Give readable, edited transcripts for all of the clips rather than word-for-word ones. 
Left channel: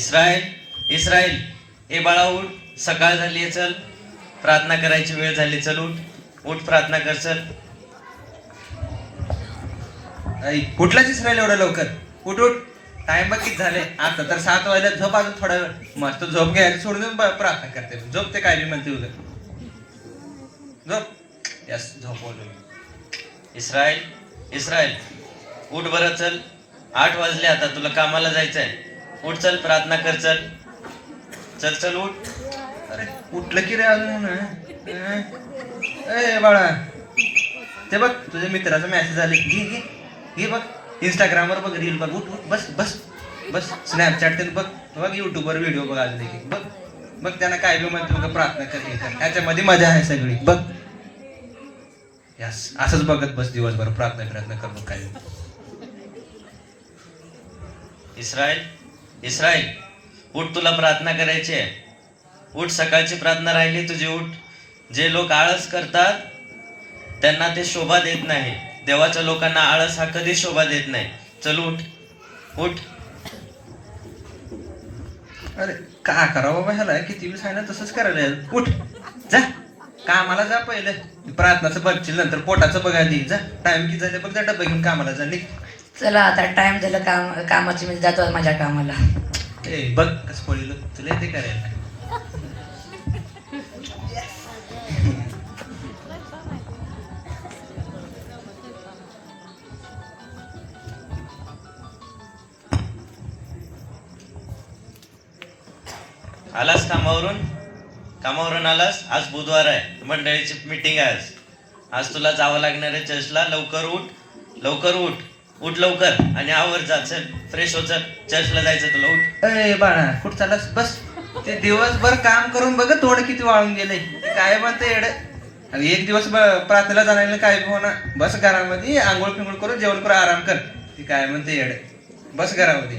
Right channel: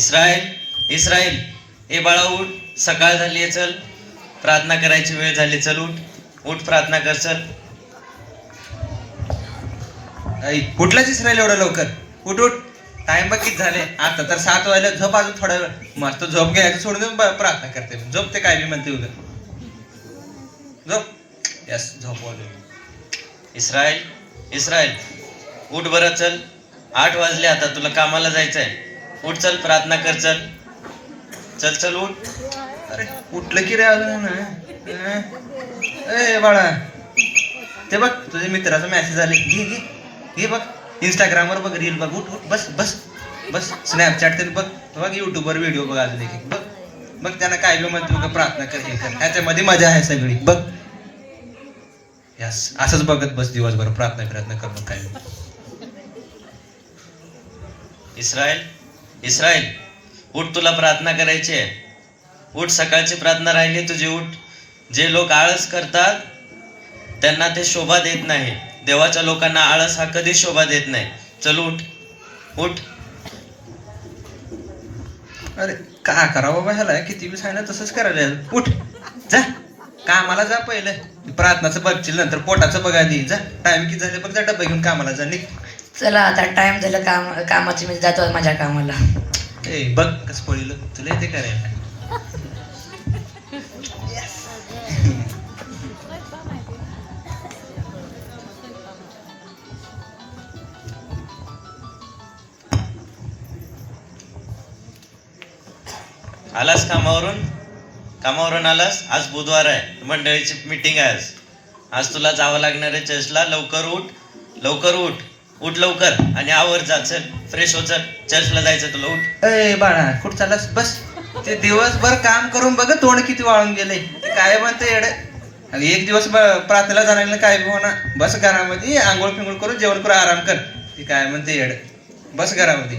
Israel Israel ए बाळा उठ, सकाळ झाली आहे, चल प्रार्थना करायची वेळ झाली, चल उठ उठ प्रार्थना कर, चल. कुठलाच इस्रायल एवढं लवकर? उठ उठ, टाइम बघ किती झाले. आता तर 7 वाजले. झोप अजून थोडा वेळ. मस्त झोप घ्यायचं सोडून देऊन प्रार्थना करते. झोप ते काय बी म्हणते उद्या. झोप. यस, झोपवलं. इस्रायल इस्रायल उठ बरं, चल 8 वाजले, आता तुला कामाला जायचंय. उठ, चल प्रार्थना कर, चल चल चल उठ. अरे उठलं की रे अजून? ए बाळा, ते बघ तुझ्या मित्राचा मेसेज आले. घे घे घे, बघ इंस्टाग्रामवर बघ, रील बघ. उठ उठ, बस बस बस. स्नॅपचॅट ते बघ, बघ युट्यूबवर व्हिडिओ बघ अजून एक बघ. बघ त्यांना काय बी म्हणतो, प्रार्थना कर, हे कर. ह्याच्यामध्ये मजा आहे सगळी बघ. यस, असंच बघत बस दिवसभर, प्रार्थना करणं काय. इस्रायल इस्रायल उठ, तुला प्रार्थना करायची आहे. उठ, सकाळची प्रार्थना राहिली तुझी, उठ. जे लोक आळस करतात त्यांना ते शोभा देत नाही. देवाच्या लोकांना आळस हा कधी शोभा देत नाही. चल उठ उठ. अरे का करावं बाबा ह्याला? किती बी सांगितलं तसंच करायला. उठ, जा कामाला जा. पहिलं प्रार्थनाचं बघशील, नंतर पोटाचं बघा आधी. जा, टाइम किती झाले बघ, जा डबा घेऊन कामाला जा. निघ. चला आता टाइम झालं कामाची, मी जातो माझ्या कामाला. ए बघ कसं पडलं, तुला येते करायला. आलास कामावरून आलास. आज बुधवार आहे, मंडळीची मीटिंग आहे. आज तुला जावं लागणार आहे चर्चला. लवकर उठ उठ लवकर आणि आवर जा. चल फ्रेश हो, चल चर्चला जायचं तुला. उठ. ए बाळा, कुठं चाललास? बस. ते दिवसभर काम करून बघ तोंड किती वाळून गेले. काय म्हणते येड? एक दिवस प्रार्थनेला जाणार काय होणार? बस घरामध्ये, आंघोळ पिंघोळ करून जेवण करून आराम कर. ती काय म्हणते येड? बस घरामध्ये.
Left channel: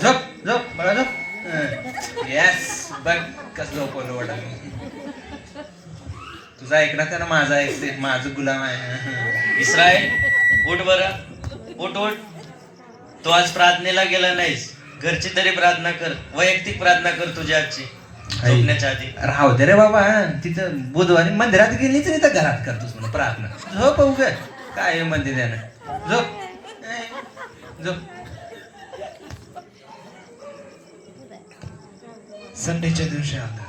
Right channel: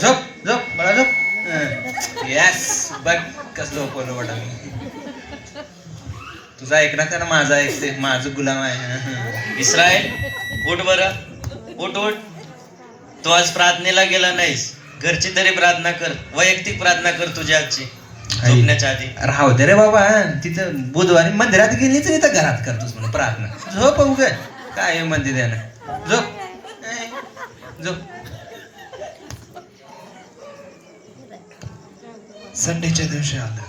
झोप झोप बाळा, झोप. यस, बघ कसं झोपवलं वाटा. तुझा ऐकणार का ना? माझा ऐकते, माझं गुलाम आहे. इस्रायल उठ बरं, उठ उठ. तू आज प्रार्थनेला गेला नाहीस. घरची तरी प्रार्थना कर, वैयक्तिक प्रार्थना कर तुझ्या आजची, झोपण्याच्या आधी. राहू दे रे बाबा, तिथं बुधवारी मंदिरात गेली तर इथं घरात करतोस म्हणून प्रार्थना. झोप उग काय म्हणते त्यानं. झोप झोप. संडेच्या दिवशी आलं.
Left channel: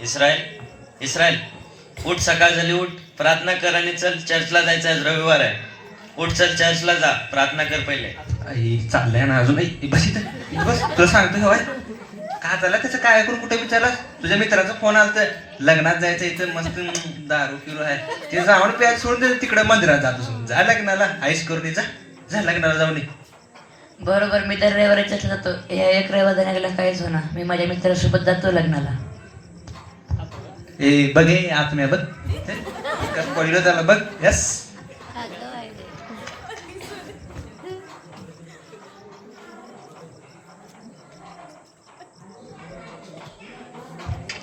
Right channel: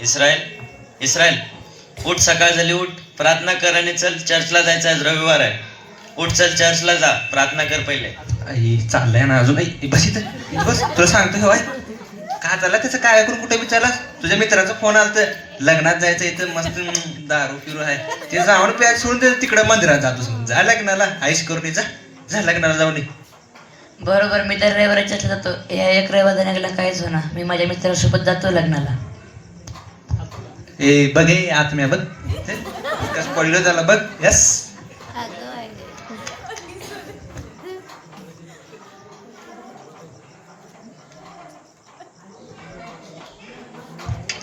इस्रायल उठ, सकाळ झाली, उठ प्रार्थना कर आणि चल चर्चला जायचं. आज रविवार आहे. उठ, चल चर्चला जा, प्रार्थना कर पहिले. चाललंय ना अजून. बस इथं बस. तुला सांगतो हवाय का चालला त्याचं काय करून कुठे विचारला? तुझ्या मित्राचा फोन आला, लग्नात जायचं, इथं मस्त दारू फिरू आहे, ते जाऊन प्याज सोडून तिकडे मंदिरात जातो. जा लग्नाला, आईश करून जा लग्नाला जाऊन. बरोबर, मी तर रविवारी जातो. या एक रविवार जाण्याला काहीच होणार. मी माझ्या मित्रासोबत जातो लग्नाला. ए बघ, आत्म्या बघ कसं पडलं त्याला बघ. यस,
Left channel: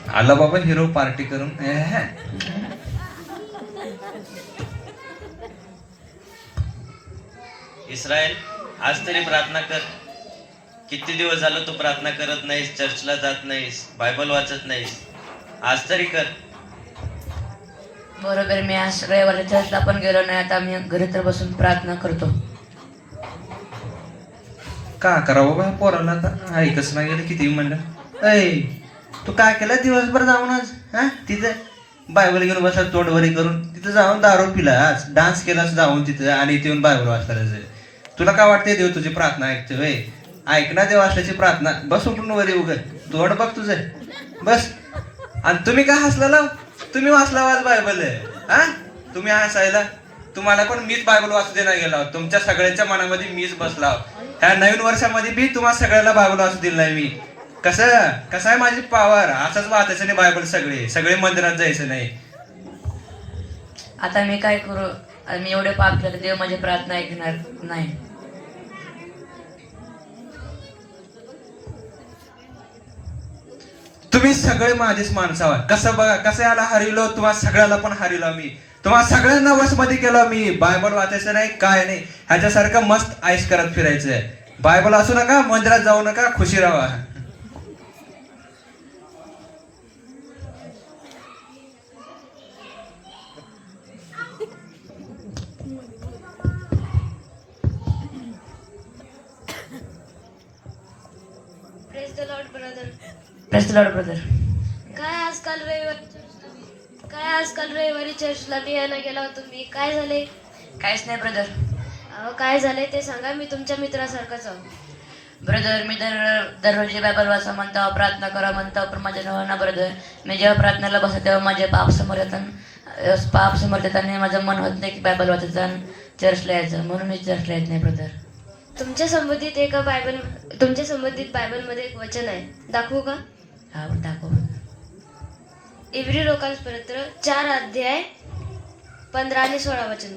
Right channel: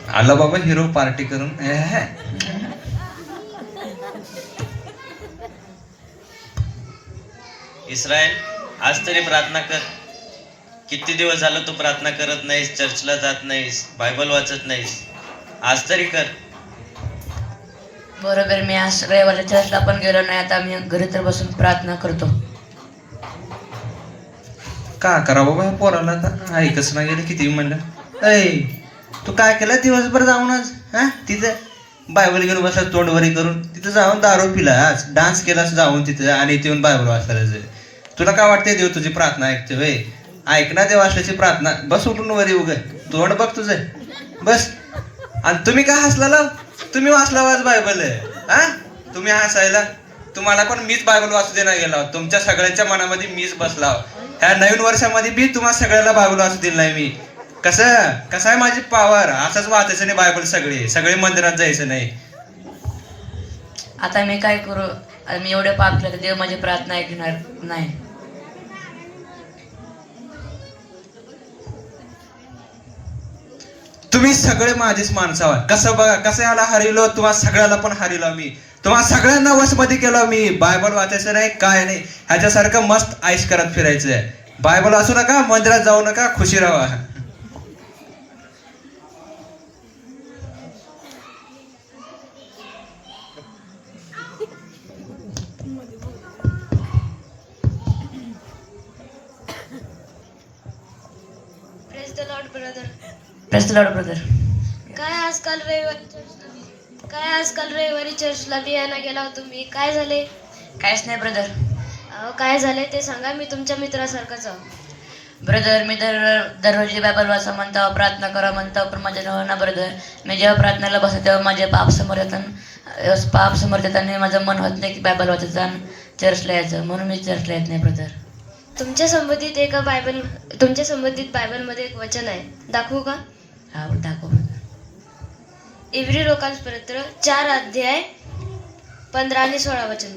आला बाबा हिरो पार्टी करून. इस्रायल आज तरी प्रार्थना कर. किती दिवस झालं तू प्रार्थना करत नाहीस, चर्चला जात नाहीस, बायबल वाचत नाहीस. आज तरी कर. बरोबर, मी आज रविवारी चर्चला पण गेलो नाही. आता मी घरी तर बसून प्रार्थना करतो. का करावं बाबा पोराला? आता ऐकच नाही गेलं किती म्हणलं. ऐ तू काय केलं दिवसभर जाऊन आज? हा, तिथं बायबल घेऊन बसला तोंडवरी करून. तिथं जाऊन दारू पिलास, डान्स केलास जाऊन तिथं, आणि इथे येऊन बायबल वाचला. तुला काय वाटतंय देव तुझी प्रार्थना ऐकते? वय ऐकणार देव असल्याची प्रार्थना. बस उठून वरी उग, तोंड बघ तुझं. बस. आणि तुम्ही काय हसला? तुम्ही वाचला आज बायबल? हा, तुम्ही हसायला? तुम्हाला पण मीच बायबल वाचू देणार गेला. तुमच्या सगळ्यांच्या मनामध्ये मीच बसला. ह्या नवीन वर्षामध्ये बी तुम्हाला सगळ्याला बायबल वाचू दिलं नाही मी. कसं आहे माझी पावर? असंच वाचायचं नाही बायबल. सगळे मंदिरात जायचं नाही. आता मी काय करू? मी एवढे पाप केले, देव माझी प्रार्थना ऐकणार नाही. तुम्ही सगळे माझेच माणसं आहात. कसं बघा, कसं याला हरिलो, तुम्हाला सगळ्याला पण हरिलो मी. तुम्हाला सगळ्यांना वशमध्ये केलं मी. बायबल वाचायचं नाही, काय नाही, ह्याच्यासारखं मस्त आईश करत फिरायचंय. बायबल असू नका, मंदिरात जाऊ नका, खुशी राहा. Praise the Lord brother. Press the Lord brother. काय आजकाल रविवारी चर्चला बी यायला गेला होतो मी. काय झाले? काहीच नाही ब्रदर. अहो, काय झाले ते सांगा. मी तुमच्या मित्रासारखाच आहो. ब्रदर मी दररोज बायबल वाचा म्हणतो, प्रार्थना करा म्हणतो, पण माझ्या नवं ना ब्रदर. मी जेव्हा प्रार्थनेला बसतो तेव्हा माझे पाप समोर येतात आणि माझं मन होत नाही की बायबल वाचायचं आणि चर्चला यायचं, म्हणून मी चर्चला येत नाही ब्रदर. तुमच्या संबंधित बायबलमध्ये एक वचन आहे, दाखवू का? हा दाखव ब्रदर. इब्री लोकांपत्र 4 अध्याय 15 आणि 16 वचन.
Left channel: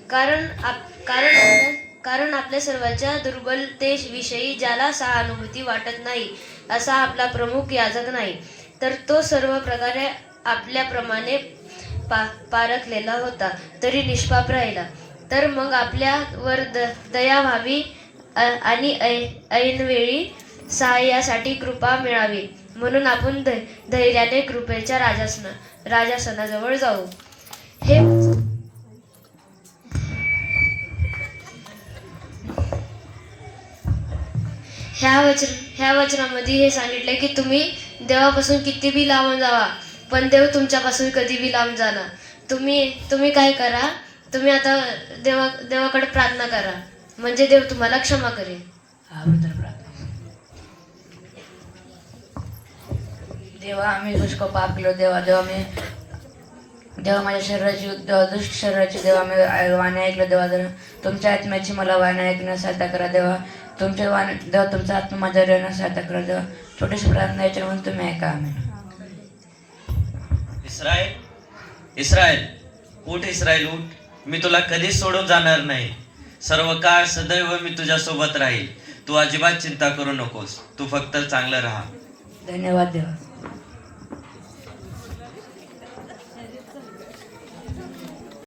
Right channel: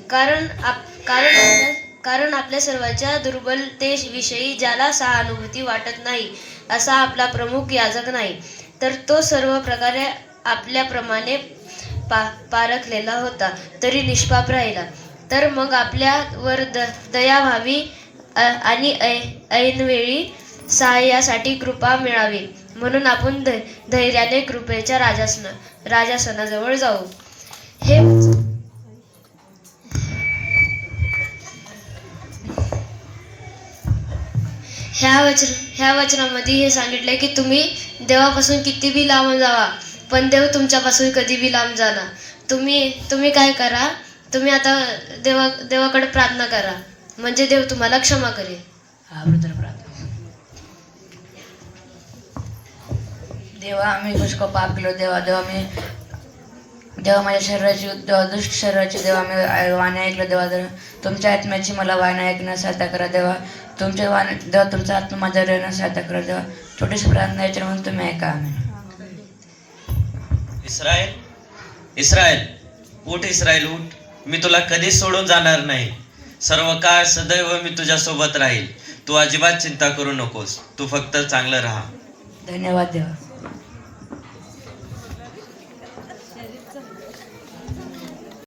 कारण आपल्या सर्वांच्या दुर्बलतेविषयी ज्याला सहानुभूती वाटत नाही असा आपला प्रमुख याजक नाही, तर तो सर्व प्रकारे आपल्याप्रमाणे पारखलेला होता तरी निष्पाप राहिला. तर मग आपल्यावर दया व्हावी आणि ऐनवेळी सहाय्यासाठी कृपा मिळावी, म्हणून आपण धैर्याने कृपेच्या राजासनाजवळ जाऊ. ह्या वचनामध्ये हे सांगितलंय की तुम्ही देवापासून किती बी लांब जावा, पण देव तुमच्यापासून कधी बी लांब जाणार. तुम्ही काय करा, तुम्ही आता देवाकडे प्रार्थना करा, म्हणजे देव तुम्हाला क्षमा करेल. हा ब्रदर प्रार्थना. देवा आम्ही पुष्कळ पाप केलो देवा. देवा माझ्या शरीराची दुष्ट शरीराची देवा मी वाणी ऐकलं देवा. जर तुमच्या आत्म्याची मला वाणी ऐकण्यास सहायता करा देवा. देवा तुमचा आत्मा माझ्या राहण्यास सहायता करा देवा. छोटीशी प्रार्थना याच्या म्हणून तुम्ही ऐका. आम्ही इस्रायल उठ, इस्रायल उठ. मी तुला कधीच सोडून जाणार नाही. सर्व काळ सदैव मी तुझ्या सोबत राहील. तू अजिबात चिंता करू नकोस. तू फक्त चांगलं राहा. धन्यवाद देवा.